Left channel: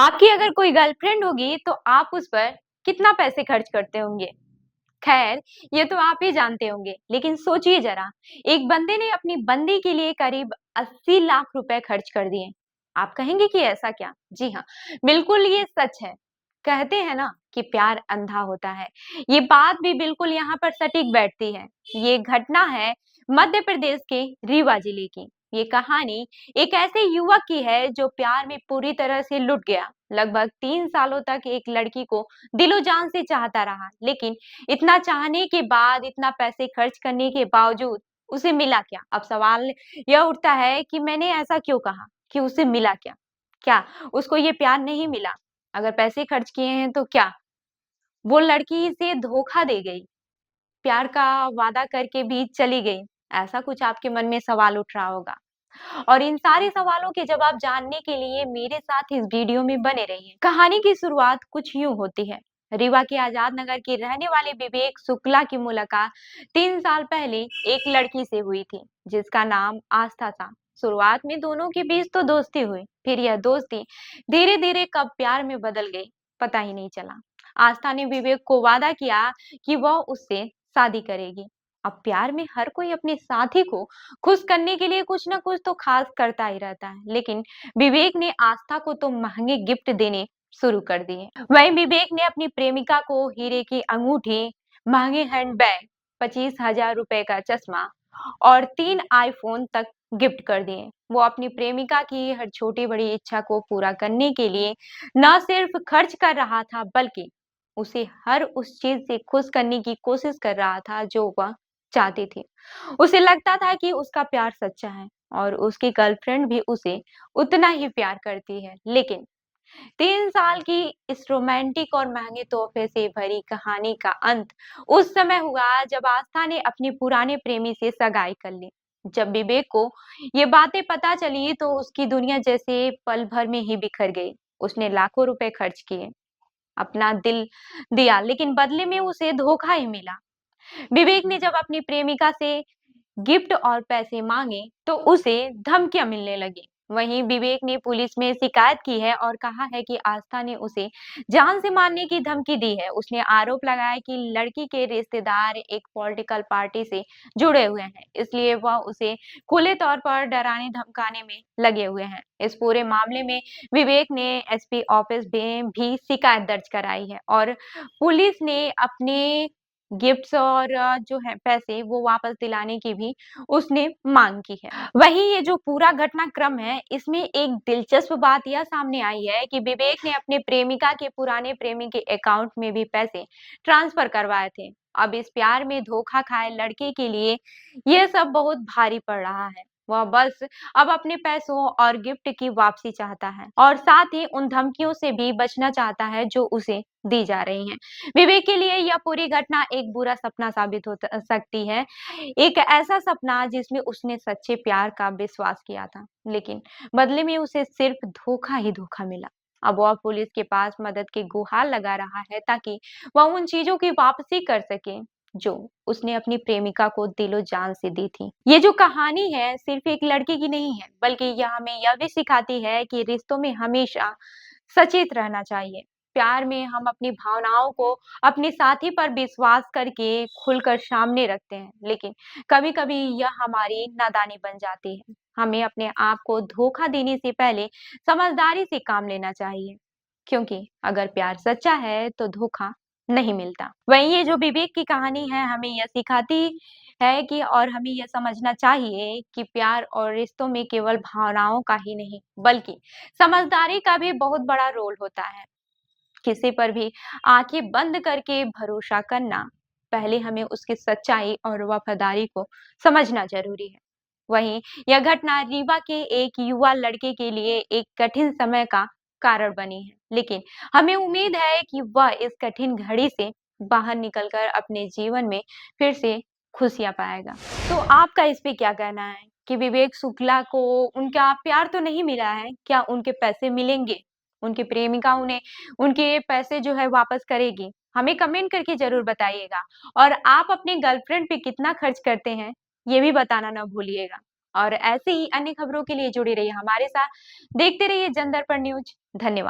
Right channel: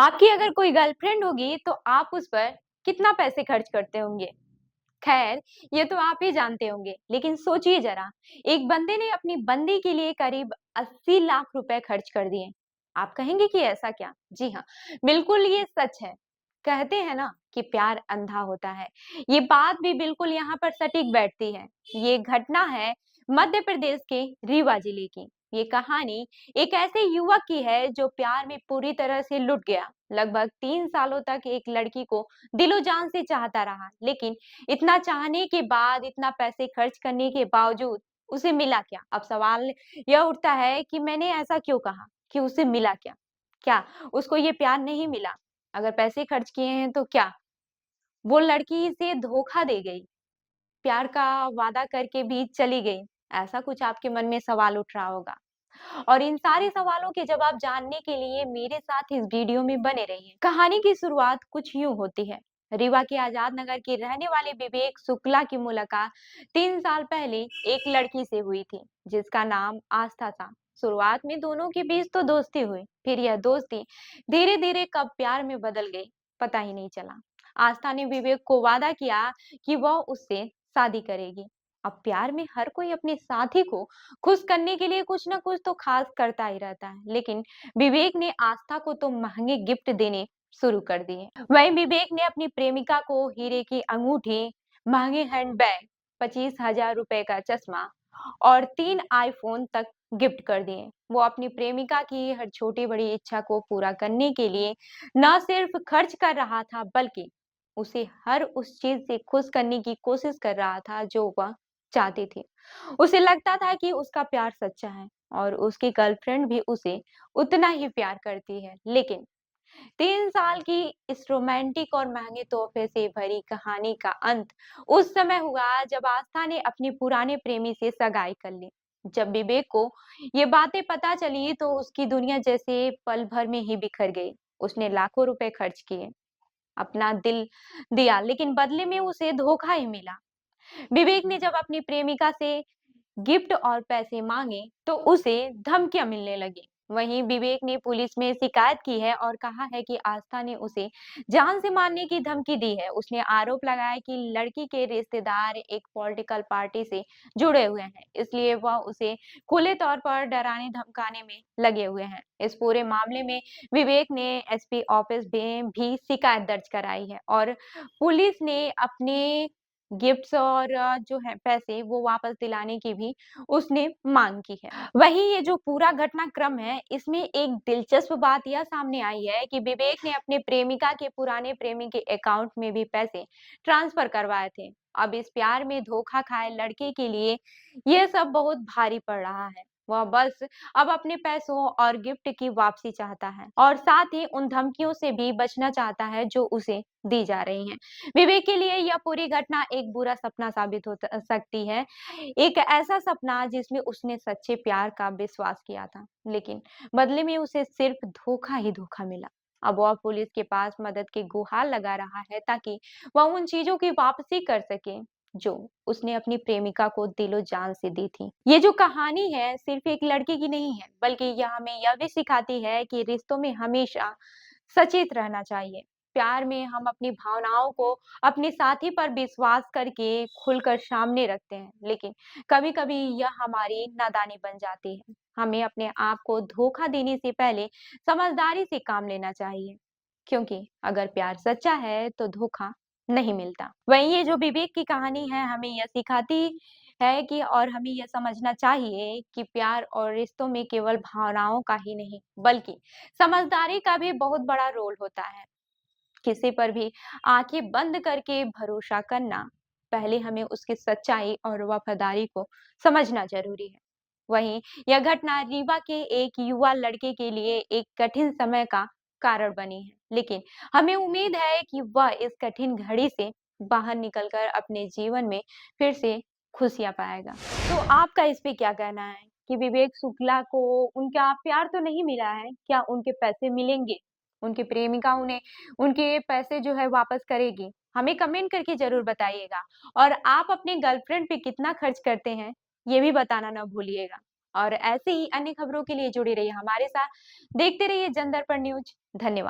आपकी अगर कोई गर्लफ्रेंड होगी तो आप उस पर कितना पैसे खर्च करते होंगे? खैर, ये तो आप ही जानते होंगे, लेकिन सोचिए जरा, एक बंदे ने अपनी बंदी के लिए करीब 80 लाख रुपए खर्च कर दिए। आप कहेंगे कि ऐसा क्या? जी हाँ, बिल्कुल ये सच है। कहते हैं ना कि प्यार अंधा होता है। ये बात भी बिल्कुल यहाँ पर सटीक बैठती है। ये घटना है मध्य प्रदेश के रीवा जिले की। ये कहानी एक ऐसे युवक की है जो प्यार में पूरी तरह से लुट गया। लगभग 3 सालों तक एक लड़की को दिलो जान से चाहता रहा, लेकिन इतना चाहने के बाद, इतना पैसे खर्च करने के बावजूद उसे मिला क्या? अब सवाल यह उठता है कि मैंने ऐसा क्यों कहा कि उसे मिला क्या? क्या उसको ये प्यार नहीं मिला? अगर पैसे खर्च किए हैं तो क्या वो लड़की से धोखा दे गई? प्यार का वादा करके भी चली गई? ऐसा कुछ आपके मन में सवाल उठ रहा होगा। और इन सारे सवालों के जवाब जानने के लिए मेरे साथ इस वीडियो में बने रहिए। कहानी की शुरुआत कुछ यूं होती है। रीवा के आजाद नगर की रहने वाले विवेक शुक्ला की मुलाकात 3 साल पहले एक लड़की से हुई थी, जिसका नाम आस्था था। शुरुआत में दोनों के बीच तो दोस्ती हुई, फिर यह दोस्ती धीरे धीरे कब प्यार में बदल गई, पता ही नहीं चला। आस्था ने विवेक को वादा किया कि वह उससे शादी करेगी। अब प्यार में हर कोई अपने साथी को खुश करने के लिए कुछ ना कुछ तो खास करता ही रहता है, लेकिन विवेक ने आस्था को तो महंगे गिफ्ट देने शुरू कर दिए। वहीं विवेक ने अपनी प्रेमिका को हीरे की अंगूठी, महंगे हैंडबैग, 25,000 रुपए का चश्मा और 3 आईफोन तक गिफ्ट कर दिए। वो अपनी प्रेमिका की हर छोटी बड़ी इच्छा को पूरा करने के लिए न सिर्फ खर्च कर रहा था, बल्कि उसे हर उस चीज से खुश करने की कोशिश कर रहा था जो वह चाहती थी। उसे लगता था कि उसका प्यार सच्चा है और उसकी गर्लफ्रेंड भी उसे उतना ही प्यार करती है। लेकिन 3 साल की इस रोमांटिक और महंगे तोहफे से भरी कहानी का अंत उस समय हुआ जब आस्था ने अपनी पुराने प्रेमी से सगाई कर ली। जब विवेक को ये बातें पता चली तो उसकी दुनिया जैसे पल भर में ही बिखर गई। उसने लाखों रुपए खर्च किए, अपना दिल दिया, लेकिन बदले में उसे धोखा ही मिला। विवेक ने जब अपनी प्रेमिका से गिफ्ट और पैसे मांगे तो उसे धमकियां मिलने लगी। वहीं विवेक ने पुलिस में शिकायत की है और कहा है कि आस्था ने उसे जान से मारने की धमकी दी है। उसने आरोप लगाया कि लड़की के रिश्तेदार एक पॉलिटिकल पार्टी से जुड़े हुए हैं, इसलिए वह उसे खुले तौर पर डराने धमकाने में लगे हुए हैं। इस पूरे मामले में विवेक ने एसपी ऑफिस में भी शिकायत दर्ज कराई है और पुलिस ने अपने गिफ्ट्स और जो है पैसे वो वापस दिलाने की भी उसने मांग की है। वहीं ये जो पूरा घटनाक्रम है, इसमें एक दिलचस्प बात यह सामने आई है कि विवेक ने अपने प्रेमिका के पुराने प्रेमी के अकाउंट में भी पैसे ट्रांसफर करवाए थे। अब इस प्यार में धोखा खाए लड़के के लिए यह सब बहुत भारी पड़ रहा है। वह बस अब अपने पैसों और गिफ्ट की वापसी चाहता है और साथ ही उन धमकियों से भी बचना चाहता है जो उसे दी जा रही हैं। विवेक के लिए यह पूरी घटना एक बुरा सपना साबित हो सकती है। एक ऐसा सपना जिसमें उसने सच्चे प्यार का विश्वास किया था, लेकिन बदले में उसे सिर्फ धोखा ही धोखा मिला। अब वह पुलिस के पास मदद की गुहार लगा रहा है ताकि वह उन चीजों की वापसी कर सके जो उसने अपनी प्रेमिका को दिलो जान से दी थी। ये जो कहानी है सिर्फ एक लड़के की नहीं है, बल्कि यह हमें यह भी सिखाती है कि रिश्तों में हमेशा सचेत रहना चाहिए। प्यार में हम अपनी भावनाओं को अपने साथी पर विश्वास करके खुलकर सामने रखते हैं, लेकिन कभी-कभी यह हमारी नादानी बन जाती है। हमें अपने आप को धोखा देने से पहले समझदारी से काम लेना चाहिए, क्योंकि अगर प्यार सच्चा है तो धोखा नहीं मिलता। वहीं ये जो विवेक की कहानी है हमें यह सिखाती है कि और हमें यह समझना चाहिए कि प्यार और रिश्तों में केवल भावनाओं का ही नहीं, बल्कि समझदारी का भी बहुत बड़ा रोल होता है। किसी पर भी आंखें बंद करके भरोसा करना, पहले हमें उसकी सच्चाई और वफादारी को समझना जरूरी है। वहीं यह घटना रीवा के एक युवा लड़के के लिए एक कठिन समय का कारण बनी है, लेकिन हमें उम्मीद है कि वह इस कठिन घड़ी से बाहर निकलकर अपने जीवन में फिर से खुशियां पाएगा। तो आपका इस पे क्या कहना है कि विवेक शुक्ला को उनका प्यार तो नहीं मिला है, क्या उनके पैसे मिलेंगे? उनकी प्रेमिका उन्हें उनके पैसे जो है वापस करेगी? हमें कमेंट करके ज़रूर बताइएगा और आप अपने गर्लफ्रेंड पे कितना खर्च करते हैं, ये भी बताना ना भूलिएगा। और ऐसे ही अन्य खबरों के लिए जुड़े रहिए हमारे साथ। देखते रहिए जन दर्पण न्यूज़। धन्यवाद।